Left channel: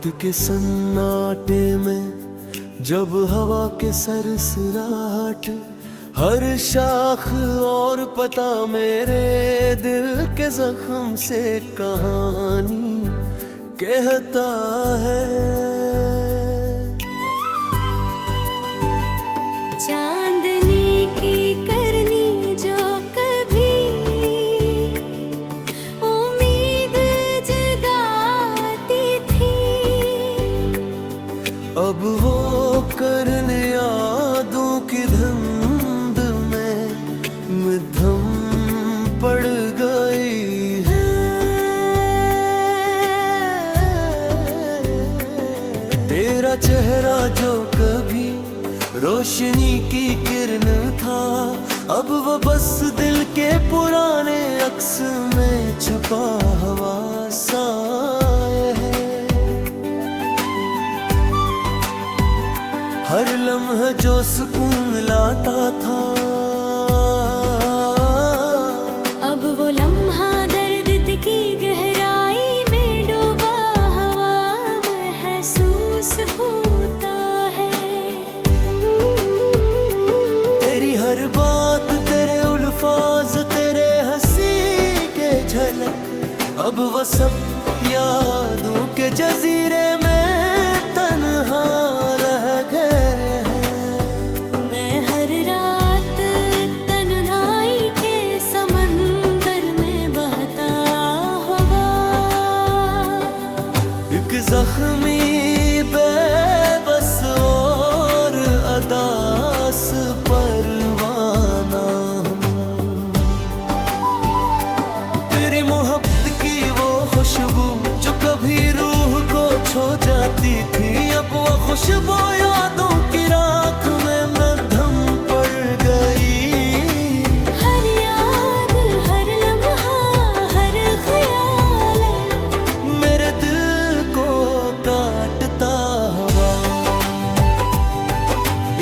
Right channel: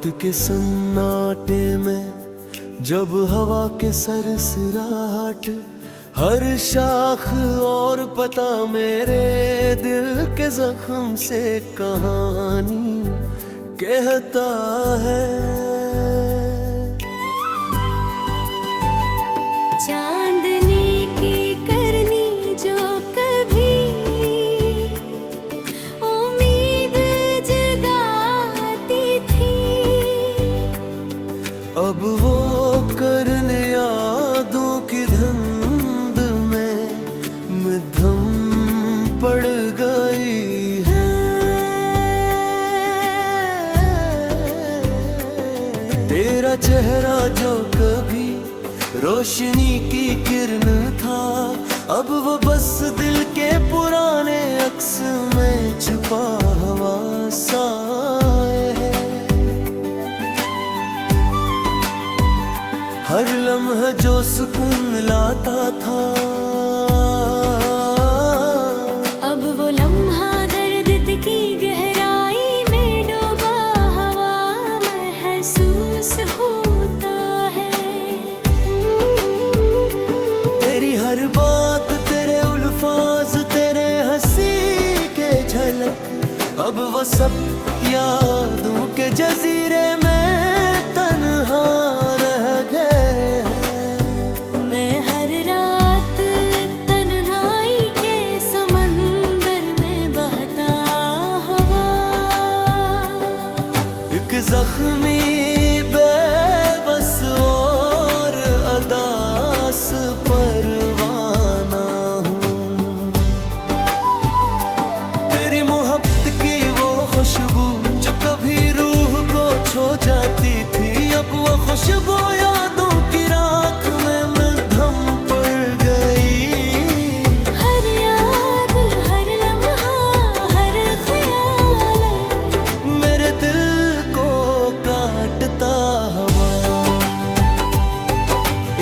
रात के सन्नाटे में जब हवा के सरसराहट, हर शाख और पता मेरे दिल के जख्म से कहानी कहता है। चांदनी की करनी जो कभी उम्मीद जगाती थी, अब वो करने यादों की धुंध में मध्यम पड़ गई है। तेरा चेहरा जो कभी रोशनी की किरण था, अब वो बस दिल के पुराने अक्स में छुपा हुआ साए है। हर लम्हा जो सुकून लाता था, अब वो लम्हा दर्द की गहराई में डूबा हुआ महसूस होता है। तेरी हर बात, तेरे अल्फाज, तेरे हंसी के झलक, अब वो सब यादों के जजीरे में तन्हा रह गए हैं। मैं हर रात तन्हाई के समंदर में बहता हुआ, एक जख्मी बेबस और अदास परवाना हूँ। तेरी मोहब्बत की वो खुशबू जो कभी रूह को छू जाती थी, अब वो खुशबू यादों की राख में मध्यम पड़ गई। हर याद, हर लम्हा, हर ख्याल मेरे दिल को काटता हुआ,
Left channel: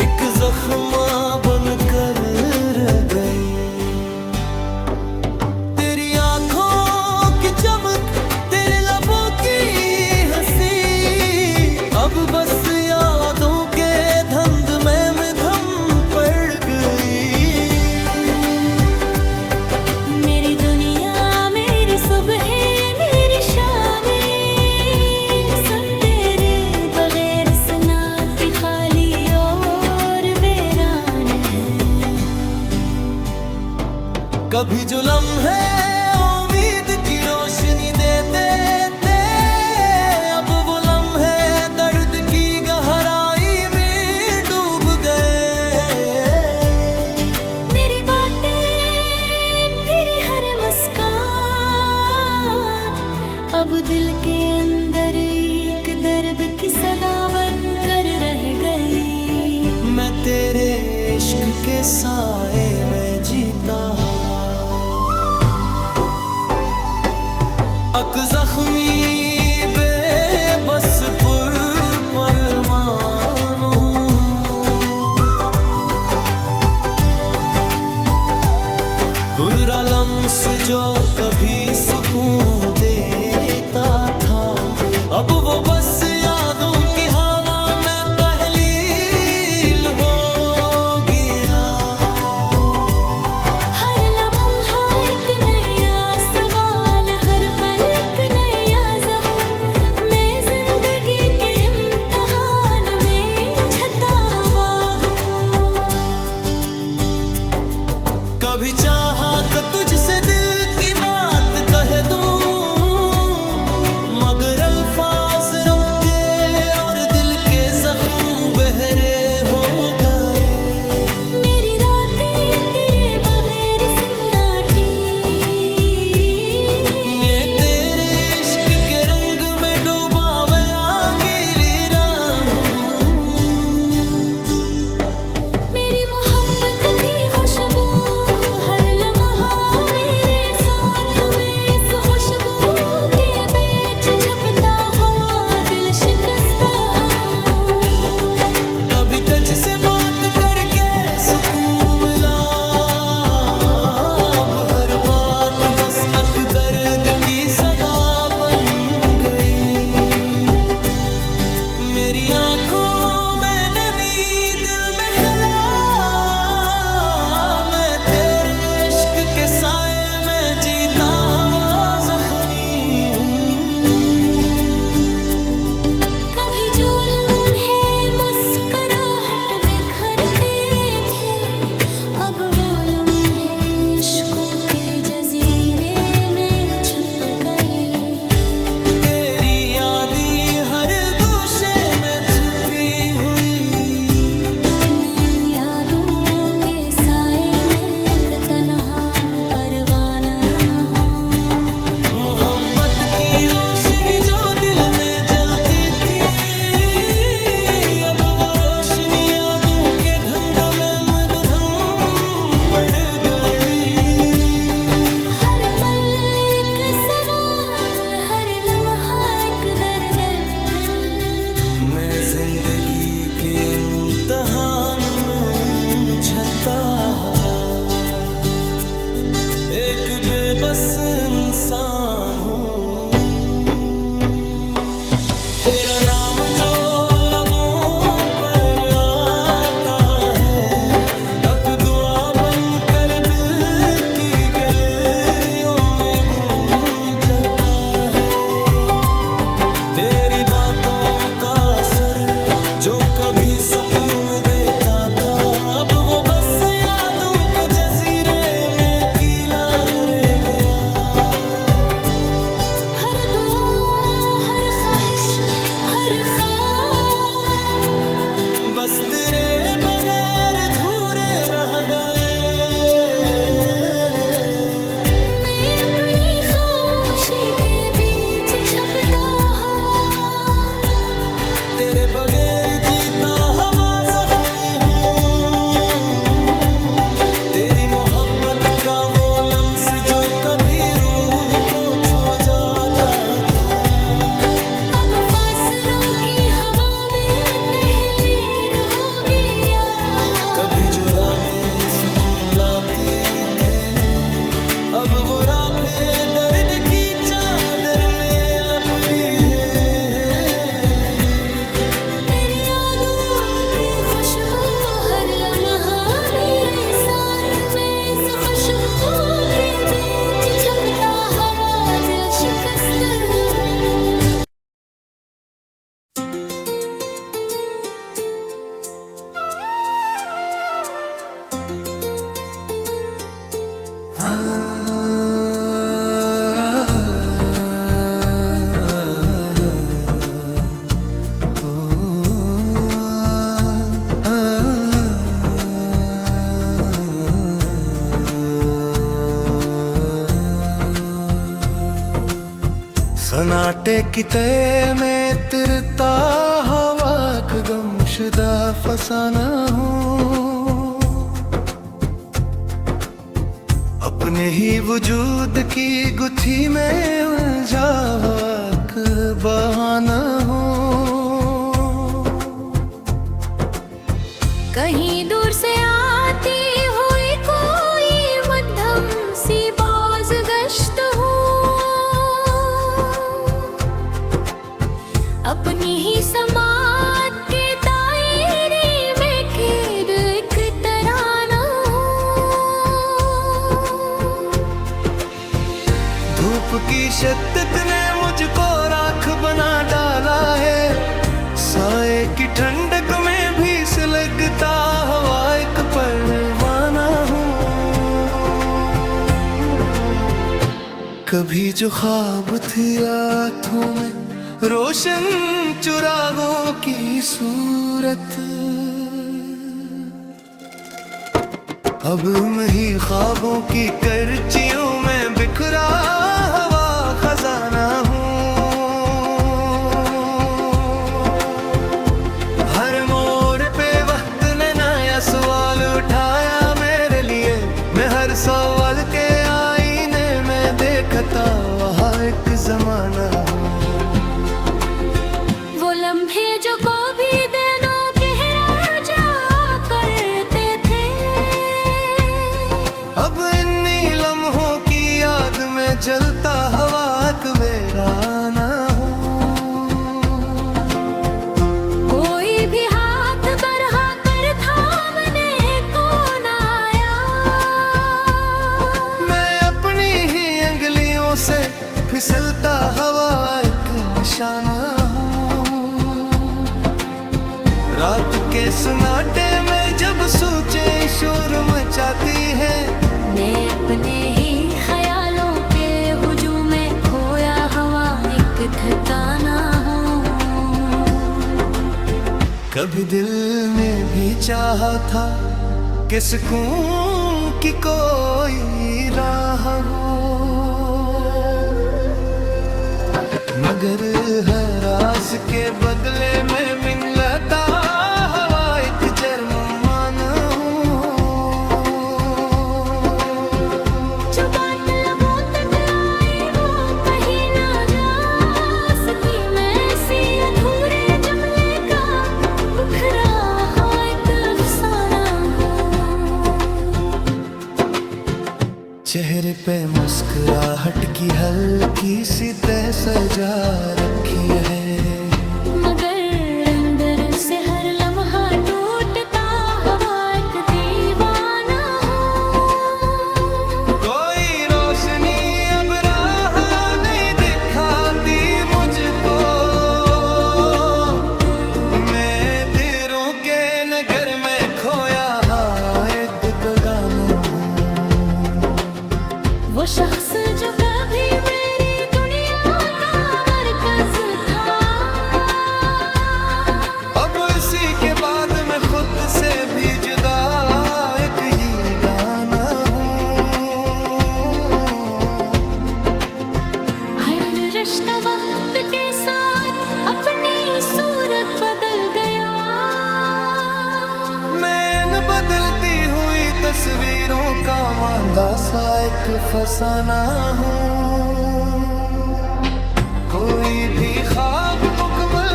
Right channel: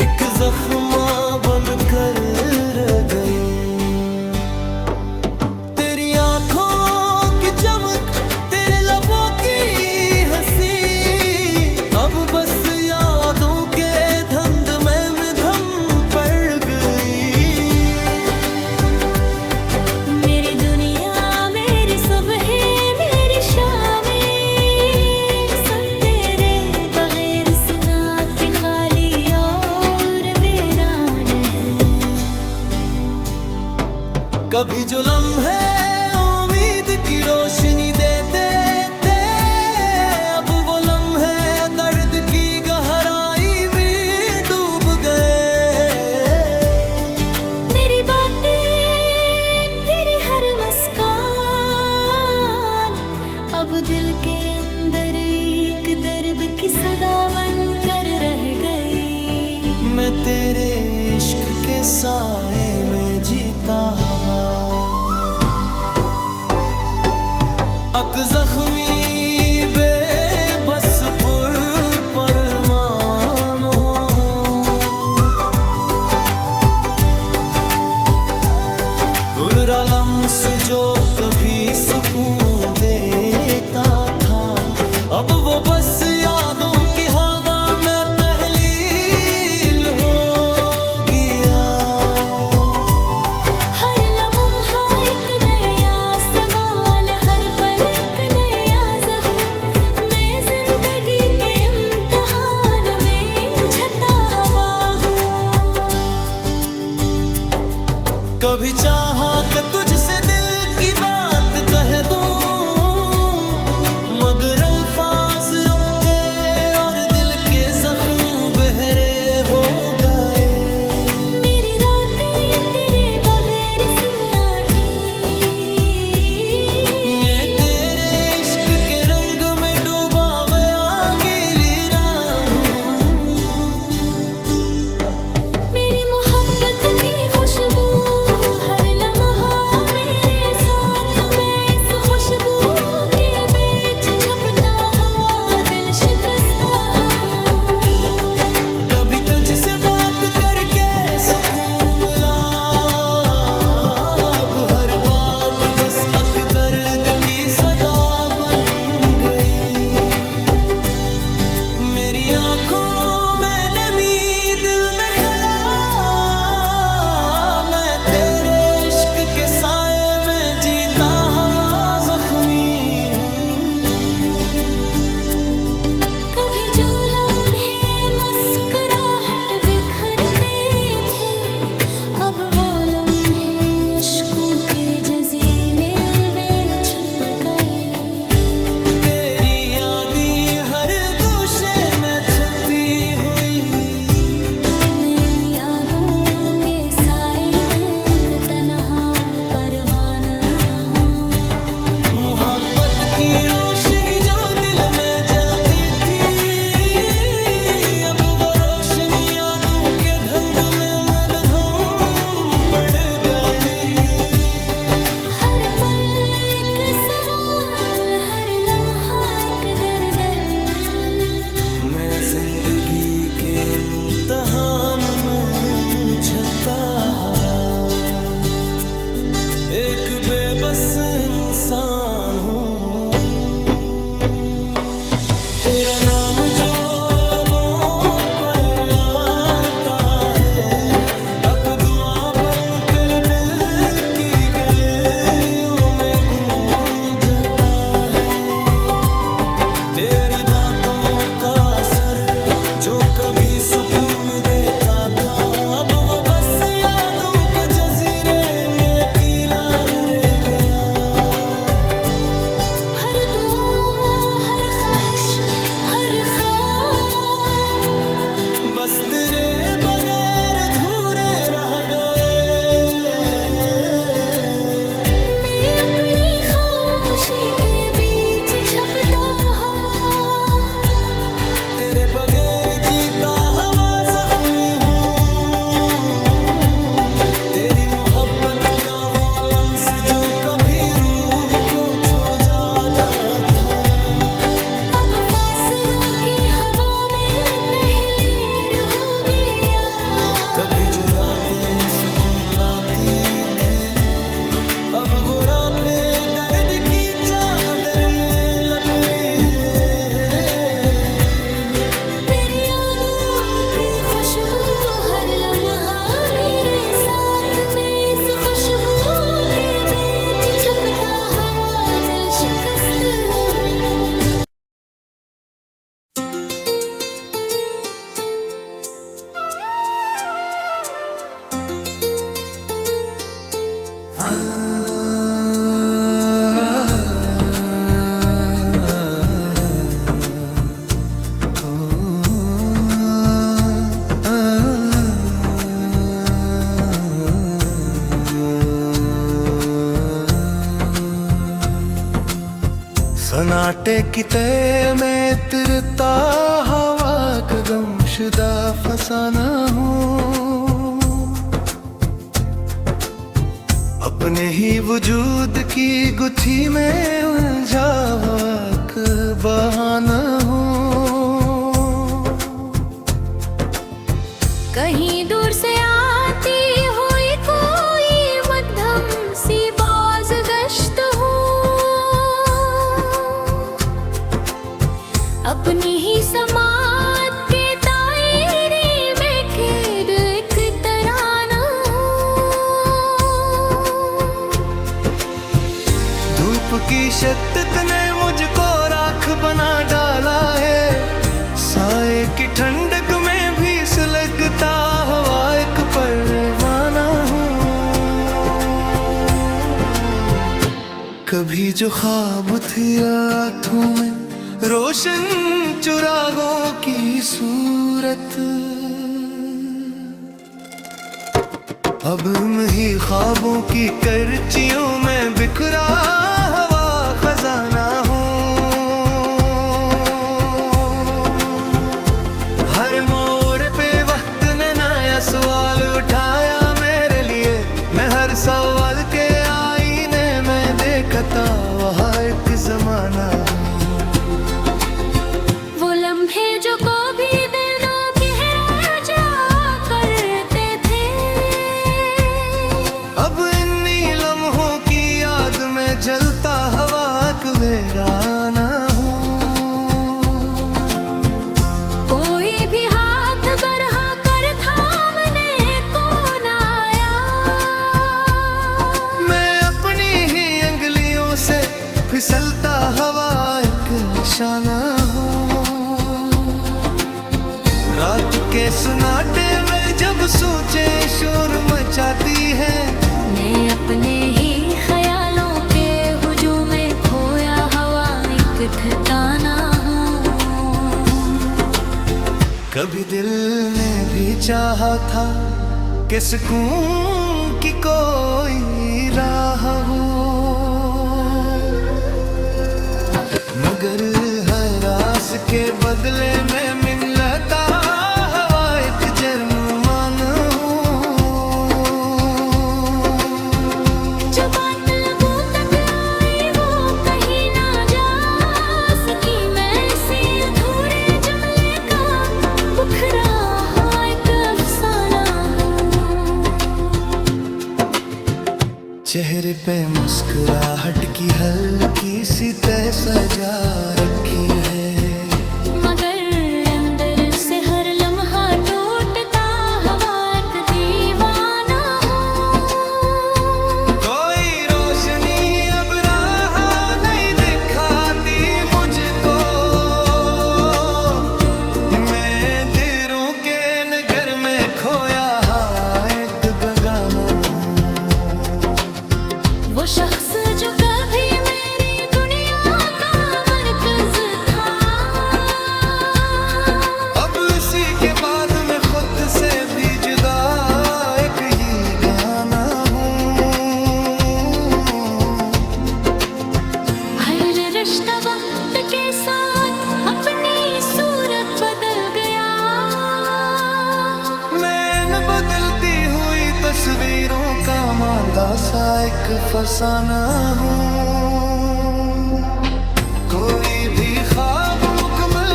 एक जख्मा बनकर रह गई। तेरी आंखों की चमक, तेरे लबों की हंसी, अब बस यादों के धुंध में मध्यम पड़ गई। मेरी दुनिया, मेरी सुबह, मेरी शामें, सब तेरे बगैर सना की खाली और वीरान है। कभी जो लम्हे उम्मीद की रोशनी देते थे, अब वो लम्हे दर्द की गहराई में डूब गए। मेरी बातें, तेरी हर मुस्कान, अब दिल के अंदर एक दर्द की सदा बन कर रह गई। मैं तेरे इश्क के साए में जीता हुआ, अक जख्मी बेबस परमान हूँ। बुरा लम्स जो कभी सुकून देता था, अब वो बस यादों की हवा में तहलील हो गया। हर लम्हा एक नया सवाल, हर पल एक नया ज़ख्म, मैं जिंदगी के इम्तिहान में उलझता हुआ हूँ। कभी चाहा कि तुझसे दिल की बात कह दूं, मगर अल्फाज रुके और दिल के जख्म बहरे हो गए। मेरी रातें तेरे बगैर सन्नाटी, मैं तेरे इश्क के रंग में डूबा हुआ गीली रान हूँ। मेरी मोहब्बत की खुशबू हर लम्हा मेरे साथ में, इस खुशबू के बीच छपता हुआ दिल शिकस्ता हूँ। कभी तुझसे बात करके सुकून मिला, अब हर बात बस अक दर्द की सदा बन गई। तेरी आंखों में नमी, दिल में खला, मैं तेरे इश्क के साए में जीता हवा जख्मी हूँ। कभी जो लम्हे मुस्कुराहट बिखरते थे, अब वो लम्हे अश्कों के जजीरे में छुप गए। तेरी यादें हर गोशे में छुपी हुई, मैं यादों के साए में एक तन्हा परवाना हूँ। मोहब्बत की रोशनी जो दिल में जलती थी, अब वो रोशनी यादों के धंध में मद्धम पड़ गई। हर पल एक सवाल, हर लम्हा एक दर्द। मैं जिंदगी के इम्तिहान में झता हवा, एक बेबस इंसान हूँ। तेरा नाम जो लबों पर आता है, अक दुआ बनकर दिल की गलियों में गूंजता है। तेरी बातों का असर जो कभी सुकून देता था, अब वो बस यादों के जजीरे में अकेला रह गया। हर दुआ, हर ख्वाहिश, हर ख्वाब बस तेरे बगैर अधूरे रह गए। मैं अपनी खामोशी के बीच छपता हवा, तेरे बगैर जीता हवा जख्मी हूँ। तेरी मोहब्बत का वो लम्स जो कभी रूह को छू जाता था, अब फासलों की हवा में तहलीर हो गया। कभी जो रातें सुकून लाती थे, अब वो रातें दर्द की चादर में लपटी है। मेरी यादों की खुशबू हर लम्हा मेरे साथ में, इस खुशबू के बीच छपता हवा दिल शिकस्त हूँ। सन्नाटे की तय में तिरता हवा का गमशुदा फसाना हूँ। अपने ही वजूद की गुत्थी में उलझा हुआ एक बहाना हूँ। कहीं दूर से आती हुई कोई मध्यम सी बाज गश्त हूँ। अपनी ही समात के दायरे में कैद एक तराना हूँ। धूप की शिद्दत ने मुझको राख बना डाला है, साए की ठंडक में भी सुलगता हवा एक परवाना हूँ। कभी जो ख्वाब थी रातों में रोशन चुरागों की सूरत, अब मैं ही ख्वाबों की करचियों में बिखरा हवा खजाना हूँ। हर मोड़ पे वक्त ने नया सवाल उठाया मेरे लिए, मैं हर सवाल के आईने में देखता वहाँ एक जमाना हूँ। वो लम्हे जो कभी दिनों गहरा जा करते थे, अब इन्हीं लम्हों की याद में जलता हवा एक वीराना हूँ। निशाना हूँ। रात के सन्नाटे में जब सोचें शोर मचाती है, मैं अपने ही ख्यालों के हुजूम में खोया हवा एक ठिकाना हूँ। कभी दिल ने भी चाहा था कि सुकून की कोई राह हो, मगर हर आस के बदले में मिलता हवा एक जर्मान हूँ। जो बात लबों तक आई वो कहीं ना जा सकी, मैं इसी अधूरे जुमले का बुखरा हुआ एक अफसाना हूँ। चेहरे पे मुस्कुराहट की हल्की सी तह सजा रखी है, मगर अंदर से हर लम्हा टूटता हवा एक दीवाना हूँ। कोई रोशनी अब राह नहीं दिखाती मुझको, मैं दिलों के नगर में खोया एक बेगाना हूँ। वो शख्स जो कभी मेरी दुनिया का मरकज था, अब इसी के बाद मैं खुद से भी जुदा एक ये गाना हूँ। हर रिश्ता वक्त के साथ अपनी सूरत बदल गया, मैं न बदलती हुई तस्वीरों का मांदा सा एक फसाना हूँ। कोई भी ख्वाब मुकम्मल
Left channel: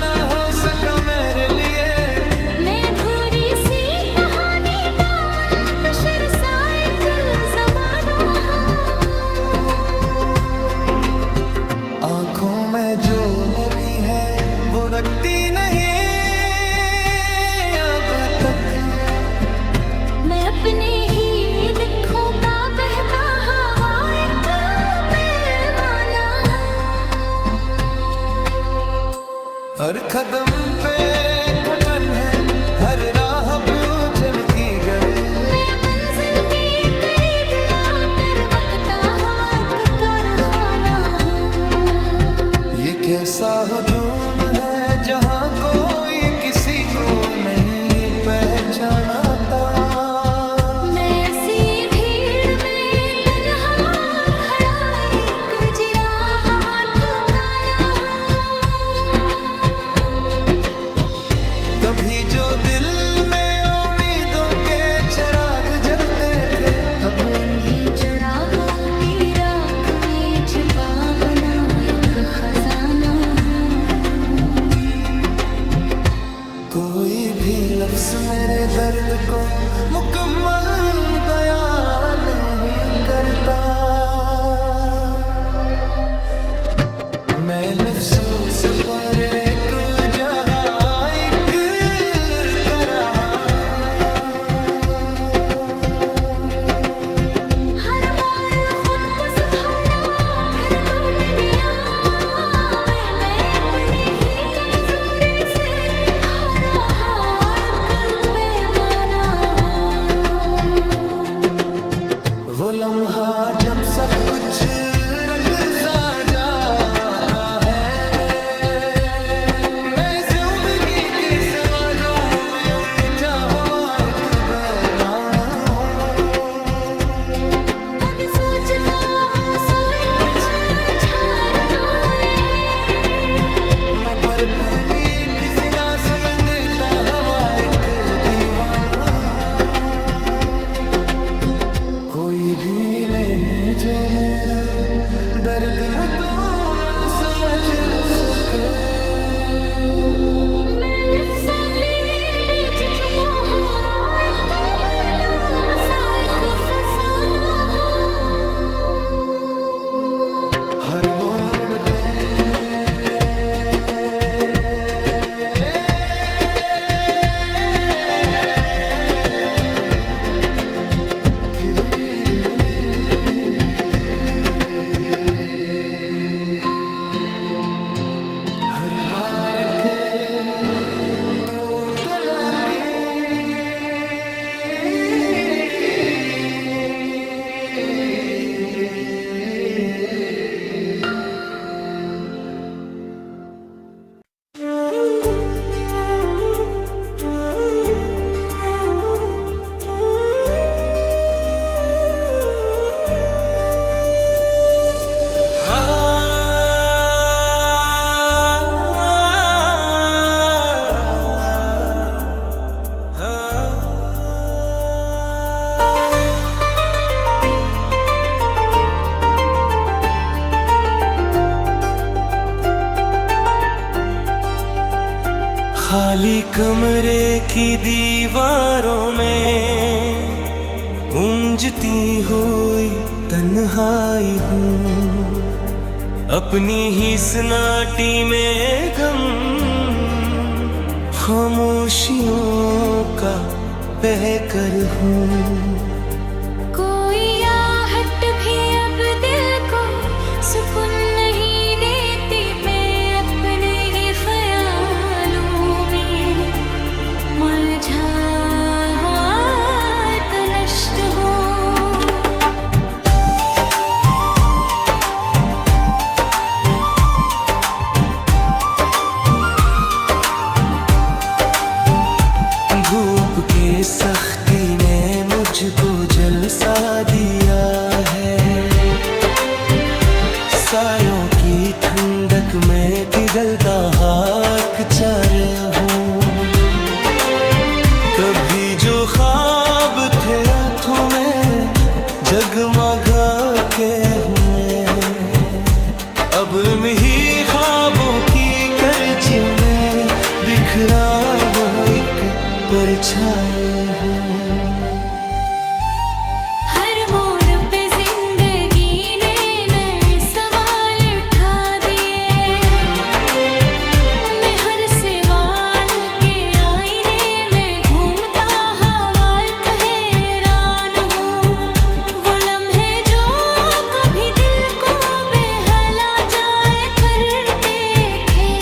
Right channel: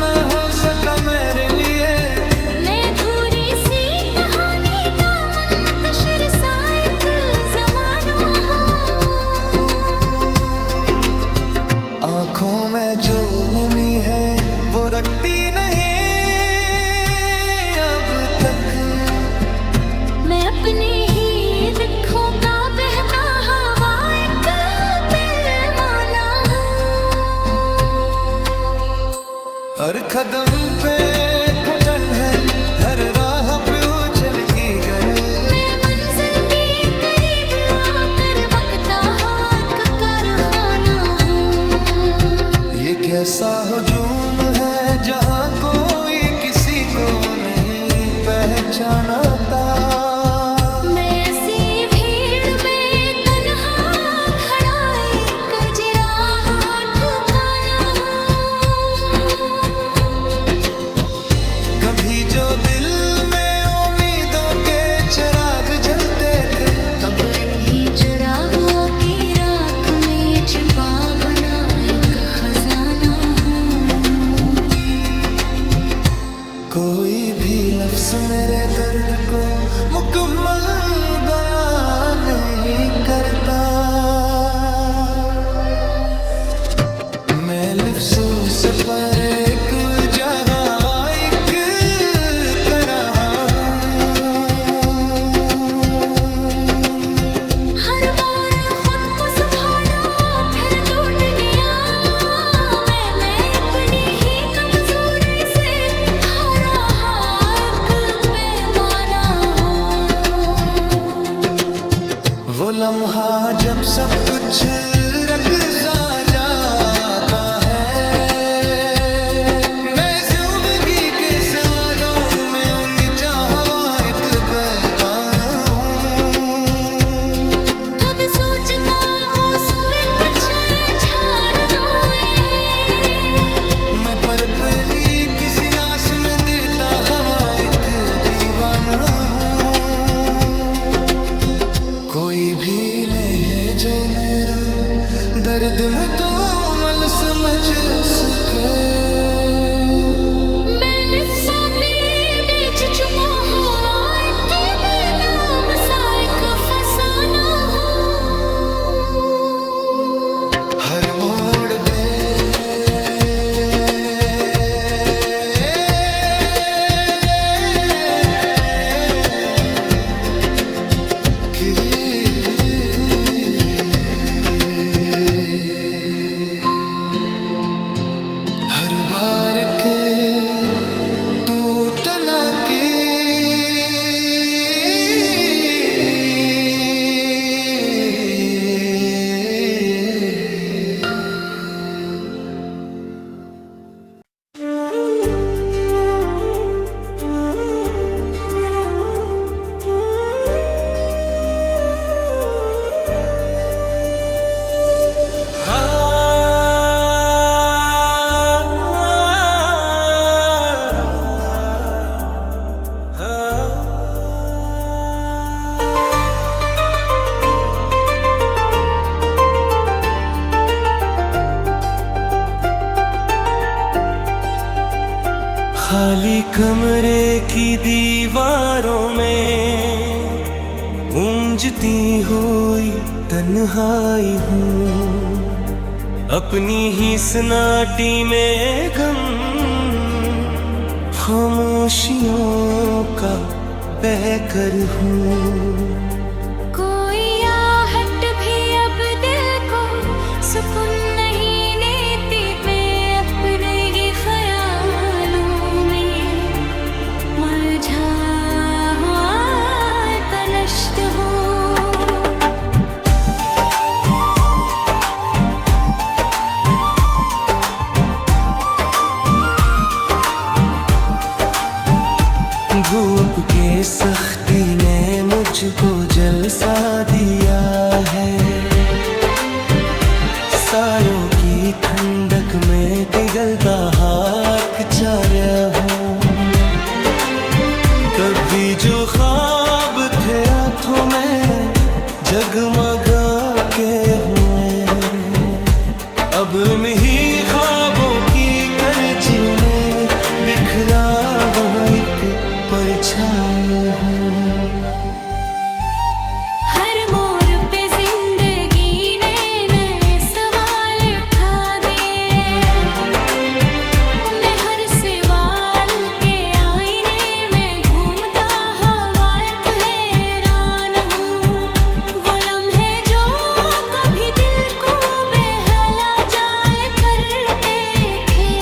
न हो सका मेरे लिए, मैं अधूरी सी कहानी का मुंतशिर सा एक ज़माना हूँ। आँखों में जो नमी है वो रखती नहीं अब तक, मैं अपने ही दिखों का बहता हवा एक पैमाना हूँ। हर कदम पे घटन है, हर राह पे उछल की गए, मैं मंजिल के करीब आकर बकता हवा का कारखाना हूँ। ये कैसा हुजूम है जहाँ कोई किसी को नहीं पहचानता, मैं ऐसी भीड़ में तन्हा खड़ा एक जिराहा ठिकाना हूँ। कभी जो दिल में उम्मीदों के चिराग जलते थे, अब इन्हीं चिरागों की राख में छिपा बना एक खजाना हूँ। कोई भी लफ्ज मेरे दर्द को मुकम्मल बयान नहीं करता, मैं लफ्जों से परे एक जगह एक तरह हूँ। हर बार खुद को संभाला फिर टूट गया, मैं अपनी ही कमजोरी से हारा एक पैमाना हूँ। वो लम्हा जब सब कुछ रख सा जाता है, मैं ज़िंदगी के सवालों में उलझा हुआ एक बेगाना हूँ। कभी सोचता हूँ सब कुछ छोड़ दूँ ये, मैं पर्पली किसी लाश में देता हवा एक दीवाना हूँ। कोई भी ले है जो मेरा दर्द मुकम्मल समझ सके, मैं लफ्ज़ों के बीच छुपा हुआ एक बेताब सा एक फसाना हूँ। हर मोड़ पे खाली कमरे की दीवारों में गूंजती हुई तन्हाई हूँ, अपनी ही सन्नाटी में गम खामोशियों का बहकर हूँ। कोई आहट भी अब दिल को सुकून नहीं देती, मैं अपने ही ख्यालों में मुरझा हुआ तलश्ट हूँ। धूप के सख्ती ने मुझको जलसा दिया है, सायों की ठंडक में पिघलता हाथ चारा हूँ। कभी जो ख्वाब थे रातों में जगमगा के हुए, अब ही ख्वाबों की करजियों में बिखरा हुआ एक परछाई हूँ। हर मोड़ पे जिंदगी ने नए सवाल उठा दिए, मैं हर सवाल के आईने में घूमता हवा एक हैरान हूँ। वो लम्हे जो कभी दिल को बहला जाए करते थे,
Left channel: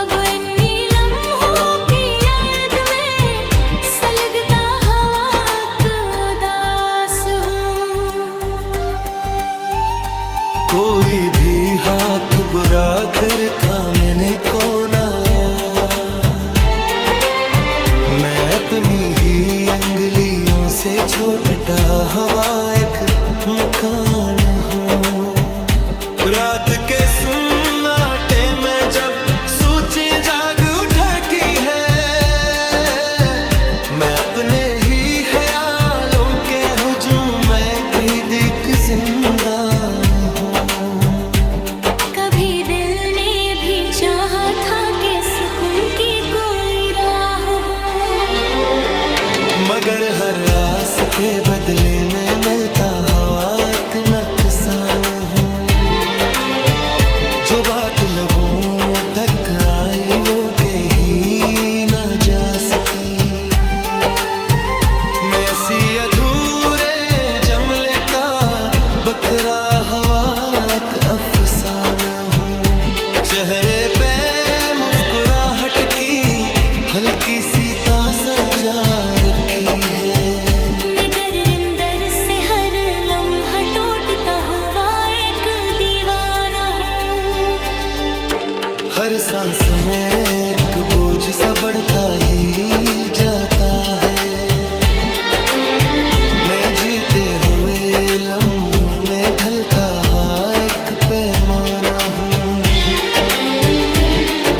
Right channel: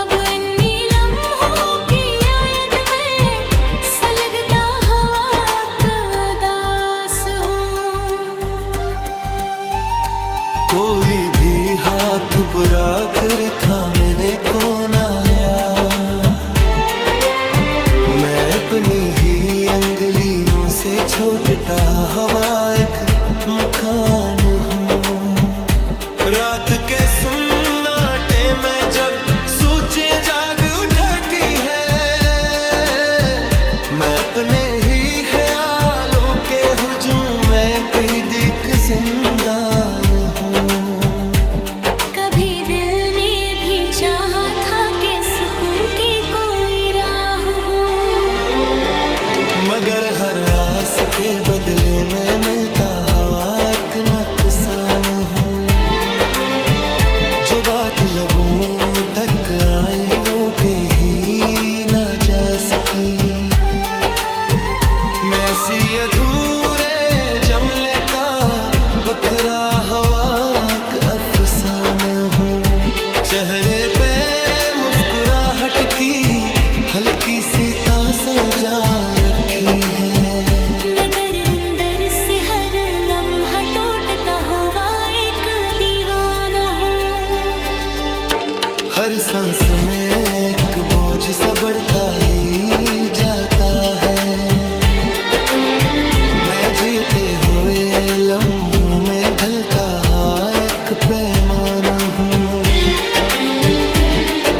अब इन्हीं लम्हों की याद में सलगता हवा का दास हूँ। कोई भी हाथ बुरा कर थामने को ना आया, मैं अपनी ही अंगुलियों से छोटता हवा एक मकान हूँ। रात के सुन्नाटे में जब सोचें जाग उठती है, मैं अपने ही ख्यालों के हुजूम में कैद एक जिंदान हूँ। कभी दिल ने भी चाहा था कि सुकून की कोई राह हो, मगर हर आस के बदले में मिलता हवा एक नुकसान हूँ। जो बात लबों तक आई वो कही ना जा सकी, मैं ऐसी अधूरे जमले का बखरा हवा एक अफसाना हूँ। चेहरे पे मुस्कुराहट की हल्की सी तासर जा रखी है, मगर अंदर से हर लम्हा टूटता हुआ एक दीवाना हूँ। हर सांस में एक बोझ सा बढ़ता ही जाता है, मैं जीते हुए लम्हों में ढलता एक पैमाना हूँ।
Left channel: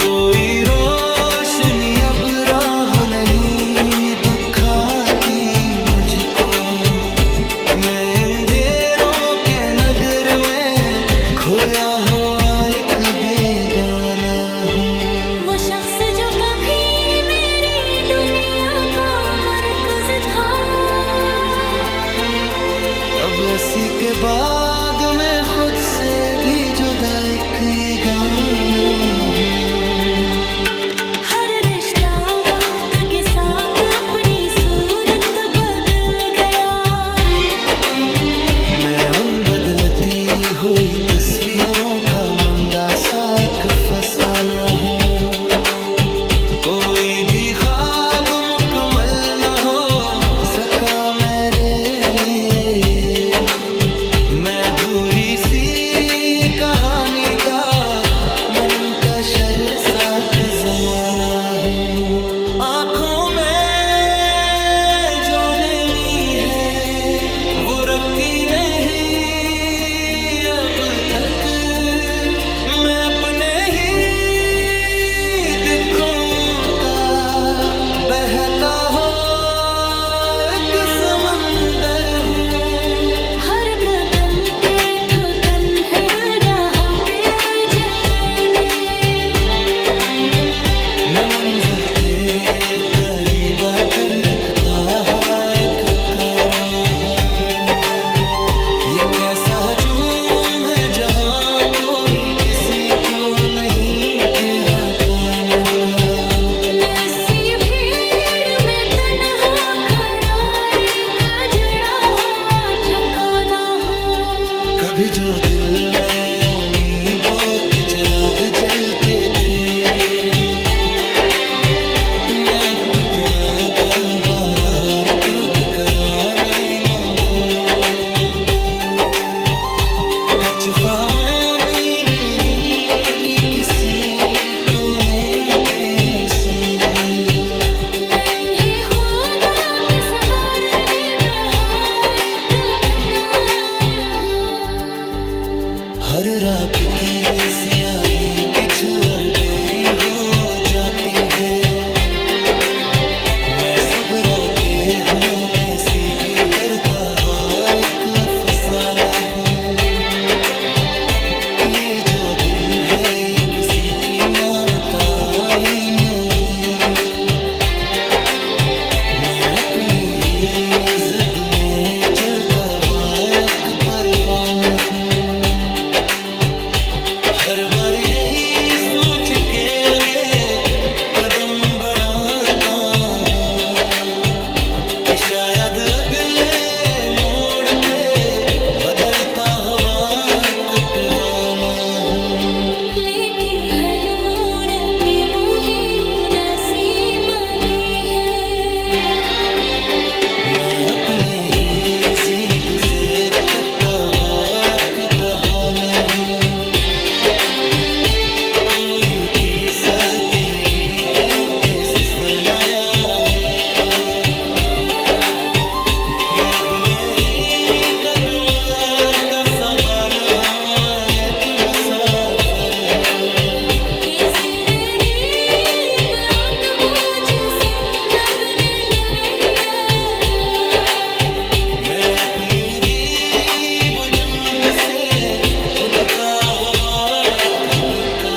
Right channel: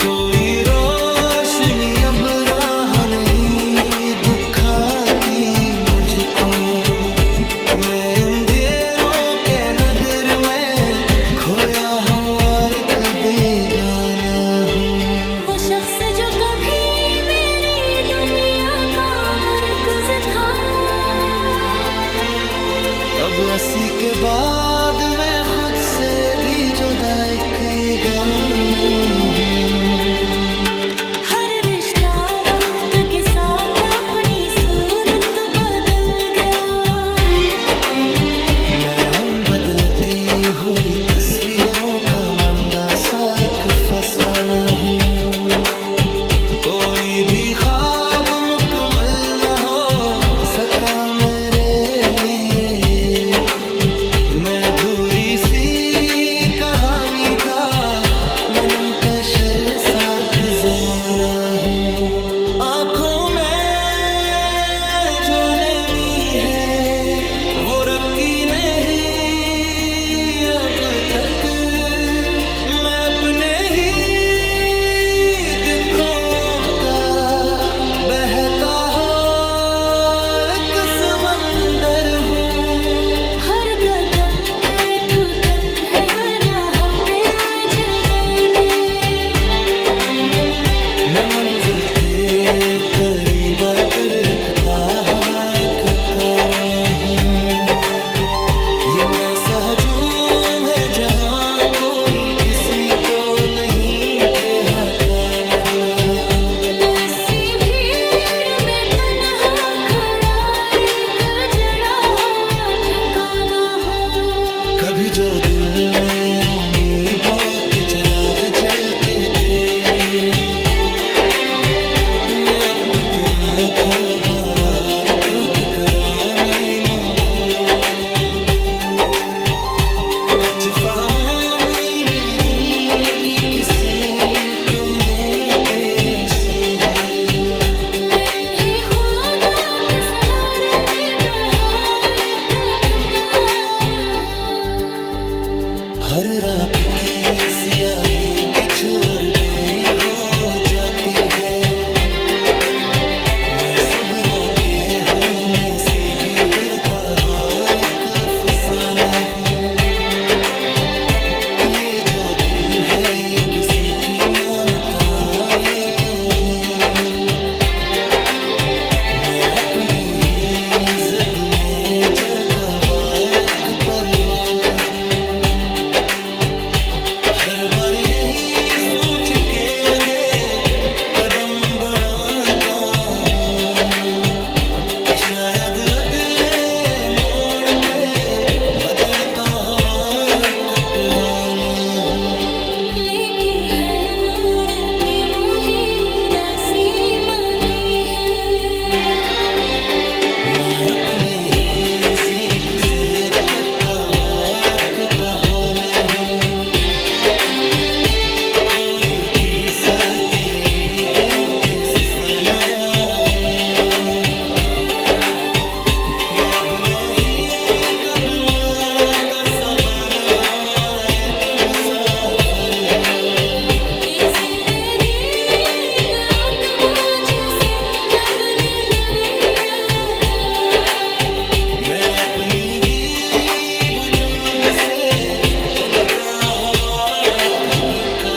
कोई रोशनी अब राह नहीं दुखाती मुझको, मैं अंधेरों के नगर में खोया हुआ एक बेगाना हूँ। वो शख्स जो कभी मेरी दुनिया का मरकज़ था, अब 80 के बाद मैं खुद से भी जुदा एक ये गाना हूँ। हर रिश्ता वक्त के साथ अपनी सूरत बदल गया, मैं उन बदलती हुई तस्वीरों का मंदा सा एक फसाना हूँ। कोई भी ख्वाब मुकम्मल न हो सका मेरे लिए। मैं अधूरी सी कहानी का मनंतशर साथ जमाना हूँ। आंखों में जो नमी है वो रखी नहीं अब तक। मैं अपने ही दिखों का बहता हो एक समंदर हूँ। हर कदम पे थकन है, राह पे उलझन गए। मैं मंजिल के करीब आकर रखता हवा एक कारवां हूँ। ये कैसा हजूम है जहाँ कोई किसी को नहीं के हकान का। मैं सी भीड़ में तन्हा खड़ा एक जड़ा हुआ ठिकाना हूँ। कभी जो दिल में उम्मीदों के चिराग जलते थे, मैं आपके आँखों बाहर रुक कराने मांगू। कचफा मेरी की किसी को ने पेशी दी। मैं ही खुदा के संवारने दहा एक खंडान हूँ। हर रात की सियाही किझ और बेरी हो जाती है। मैं सुबह के हूँ ऐसे भी डरता एक अफसाना हूँ। ये जो दिल है ये किसी की मानता ही नहीं। मैं अपनी ही जिद में जलता एक परवाना हूँ। हर बार यही सोच के आगे कदम बढ़ाता हूँ कि शायद अगले मोड़ पे बदलता हवा कटवाना हूँ। लेकी हर मोड़ की वो ही उदासी मती है। मैं अपने ही जिद से कटा हाथ कहान हूँ। कोई किस्मत नहीं देते सरमाया है। मैं अपने ही कदम का सवाल हूँ एक मुसाफिर हूँ। ये जिंदगी का बोझ से न बने नबी यारा। मैं अपनी भी बुजुर्ग से खुद का हवा खुद कर